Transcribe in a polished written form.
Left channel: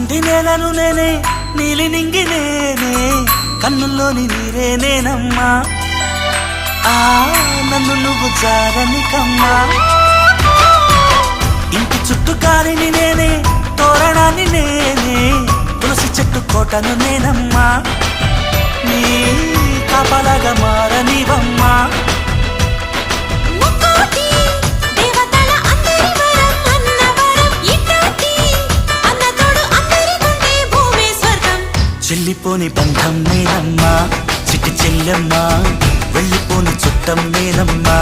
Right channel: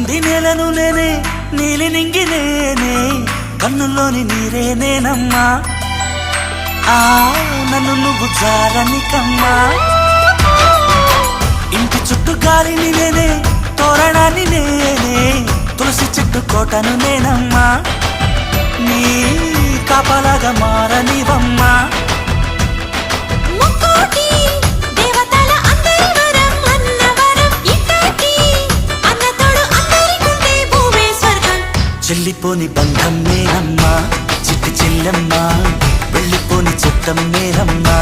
కింది నేలను నేనే నీలి నింగి నేనే కన్నుల్లోని నీరే నేనమ్మా నన్ను నువ్వు చాలని కమ్మా ఇంటి చుట్టూ కాలిని నేనే తోరణాన్ని నేనే తులసి చెట్టు కోటను నేనమ్మా నీ కాపలాగా మారనివమ్మా చెల్లిపోని బంధం నేనమ్మా చిట్టి చెల్లమ్మా వెళ్ళిపోని చుట్టం నేనమ్మా